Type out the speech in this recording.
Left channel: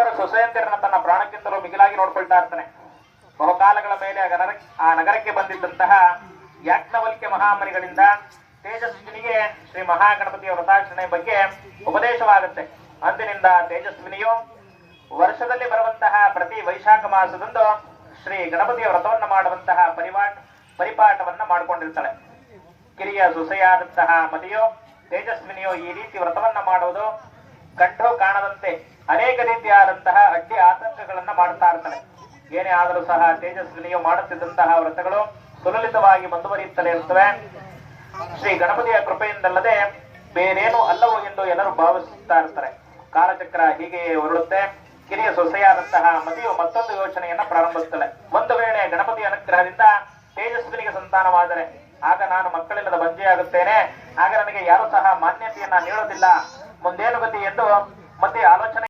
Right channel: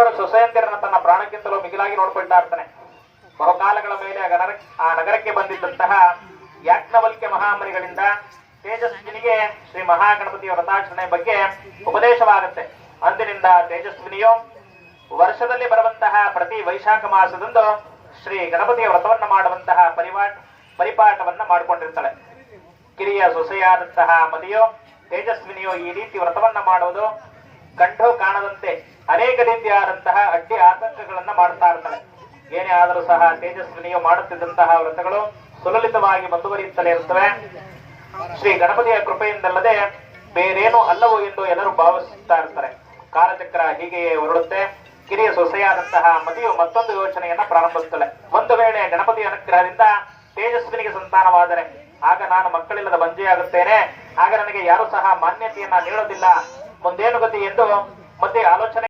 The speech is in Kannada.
ಇಬ್ಬರು ಸೊಸೆಯಂದಿರನ್ನ ತನ್ನ ಪ್ರಾಣಕ್ಕಿಂತಲೂ ಮಿಗಿಲಾಗಿ ನೋಡ್ಕೊಳ್ತಾ ಇರ್ತಾನೆ. ಬಹುಕಾಲಗಳ ಮೇಲೆ ಆ ನಗರಕ್ಕೆ ಬಂದಿದ್ದಂತಹ ಯಾಜ್ಞವಲ್ಕ್ಯ ಮಹಾಮನಿಗಳಿಂದ ತೇಜಸ್ವಿನಿಗೆ ಶ್ರೀ ಮಹಾಗಣಪತಿಯ ವ್ರತಾಚರಣೆ ಬಗ್ಗೆ ಉಪದೇಶವಾಗುತ್ತೆ. ಅಂದಿನಿಂದ ತೇಜಸ್ವಿನಿಯು ವರ್ಷದಲ್ಲಿ ಬರುವಂತಹ ಪ್ರತಿ ವೈಶಾಖ ಮಾಸದಂದು ಶ್ರೀ ಗಣಪತಿಯ ವ್ರತವನ್ನ ಮಾಡುವಂತಹ ಪರಿಪಾಠವನ್ನ ಮಾಡಿಕೊಂಡಿರ್ತಾಳೆ. ಕಿರಿಯ ಸೊಸೆಯಾದಂತಹ ಮತಿಯು ತೇಜಸ್ವಿನಿಯು ಈ ರೀತಿ ವ್ರತವನ್ನ ಮಾಡುವುದು ಕಂಡು ಕಾಣದಂತೆ ಅನೇಕ ರೀತಿಯಾದಂತಹ ಅಡ್ಡಿ ಆತಂಕಗಳನ್ನ ಮಾಡ್ತಾ ಇರ್ತಾಳೆ. ಏನೇ ಆದರೂ ಸಹ ತೇಜಸ್ವಿನಿಯು ಮಾಡುತ್ತಿದ್ದಂತಹ ವ್ರತಗಳು ಸುಲಲಿತವಾಗಿ ಮುಂದುವರಿಯುತ್ತಲೇ ಇರುತ್ತವೆ. ಶ್ರೀ ಗಣಪತಿಯ ಕೃಪೆಯಿಂದಲ್ಲದೆ ಬೇರೇನೂ ಅಲ್ಲವೋ ಎಂದು ಎಲ್ಲರೂ ಭಾವಿಸುತ್ತಾ ಇರ್ತಾರೆ. ಕಾಲಚಕ್ರ ಹೀಗೆಯೇ ಹೊರಡುತ್ತೆ. ಕಿರಿಯ ಸೊಸೆಯಾದಂತಹ ಮತಿಯು ಮತ್ತೊಂದು ಯೋಚನೆಯನ್ನ ಪ್ರಾರಂಭಿಸುತ್ತಳೆ. ಒಂದು ವೇಳೆ ಗಣಪತಿಯ ಅನುಗ್ರಹದಿಂದ ತೇಜಸ್ವಿನಿಗೆ ಸಂತಾನವಾದರೆ ಆಗ ನಾನು ಮಕ್ಕಳಿಲ್ಲದ ಬಂಜೆಯಾಗುತ್ತೇನೆ. ಆಗ ನನಗೆ ಯಾರು ಸಹ ಮಾನ್ಯತೆಯನ್ನ ನೀಡೋದಿಲ್ಲ. ಮುಂದೇನು ಗತಿ ಎಂದು ಮತ್ತೆ ಆಲೋಚನೆ